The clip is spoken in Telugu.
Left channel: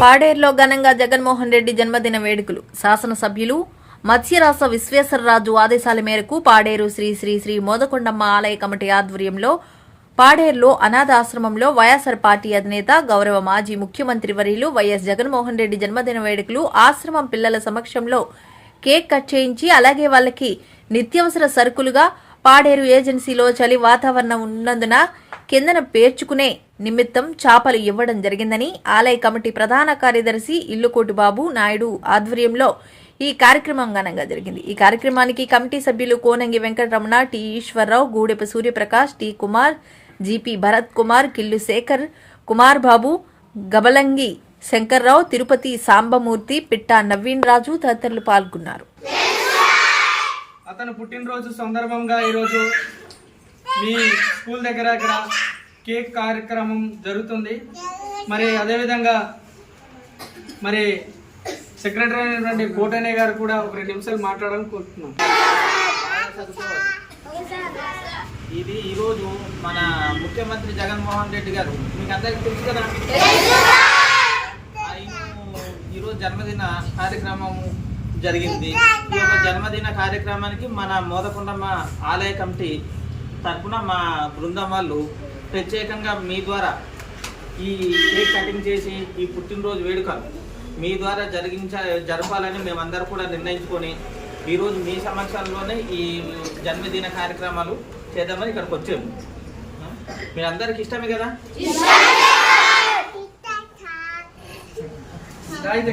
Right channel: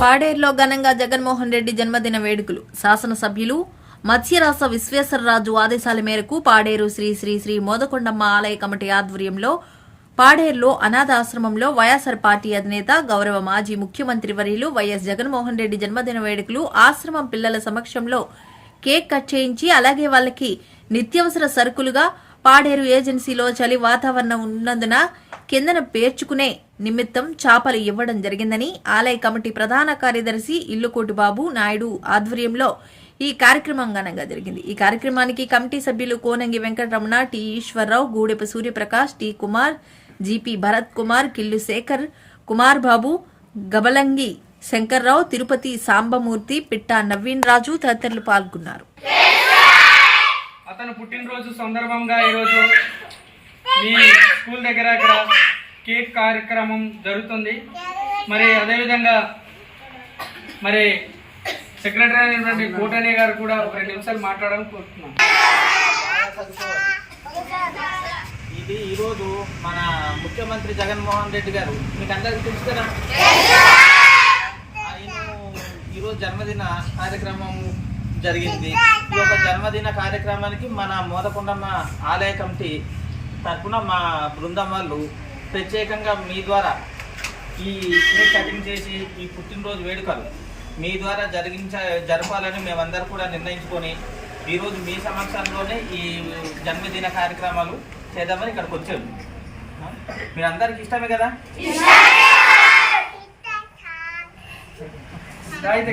పాడేరులో ఘనంగా జగన్మోహన్ రెడ్డి జన్మదిన వేడుకలు. శాసనసభ్యులు మత్స్యరాస విశ్వేశ్వరరాజు ఆదేశాల మేరకు పాడేరు శ్రీ శ్రీ శ్రీ మోదకొండమ్మ ఆలయ కమిటీ ఆధ్వర్యంలో పాడేరులో అనాథాశ్రమంలో వైఎస్సార్ పార్టీ అధినేత గౌరవ మాజీ ముఖ్యమంత్రి వర్యులు వైఎస్ జగన్మోహన్ రెడ్డి జన్మదిన వేడుకలు ఆశ్రమం పిల్లల సమక్షంలో కేక్ కట్ చేయించి అలాగే వాళ్ళకి నిత్యావసర సరుకులుగా పాడేరు ఏజెన్సీలో చలి వాతావరణం ఉన్నందున కిందన పేర్చుకునే నిమిత్తం చాపలు ఇవ్వడం జరిగిందని ఆలయ కమిటీ ప్రధాన కార్యదర్శి ఇల్లుకోటి బాబు నాయుడు ఆధ్వర్యంలో ఈ కార్యక్రమం ఘనంగా జరిగింది. ఈ కార్యక్రమానికి కమిటీ సభ్యులు Konangi Venkataramana T Eswararao Goodepu Suryaprakash T Kumar GP Bharath Kumar Killu Sekhar Kumar Babu Gabalangi Sankararao Tirupati Sambamurthy Pitta Naveen Raju తదితరులు పాల్గొన్నారు. అతను పుట్టినరోజు సందర్భంగా ఈరోజు మీ స్కూల్ దగ్గర ఇక్కడ కేక్ కార్యక్రమం జరుగుతుంది. మరి అదేవిధంగా మరి సెక్రటరీ అయినటువంటి కోటనే గారు కూడా ఒక రెండు నిమిషాలు మాట్లాడాలని కోరుతున్నాం. ఇది ఈరోజు మన ముఖ్యమంత్రి జగన్మోహన్ రెడ్డి గారు. మీకు అందరికీ తెలుసు కదా? ఈరోజు జన్మదిన కార్యక్రమం జరిగింది. ఈ యొక్క జన్మదిన కార్యక్రమానికి మన మోదకొండమ్మ ఆలయ కమిటీ తరఫున మా బృందం వాళ్ళు ప్రత్యేకంగా మీ ద్వారా ఈ కేక్ కటింగ్ చేసి ఈ పుట్టినరోజు వేడుకలు మీ ద్వారా జరిగించ జరపాలని మేమందరూ కూడా నిర్ణయించుకొని ఈరోజు మీ సమక్షంలోనే ఈ జన్మదిన కార్యక్రమాలు చేద్దామని ఇక్కడికి వచ్చాము? మీరందరికీ ఇష్టమే కదా? అయితే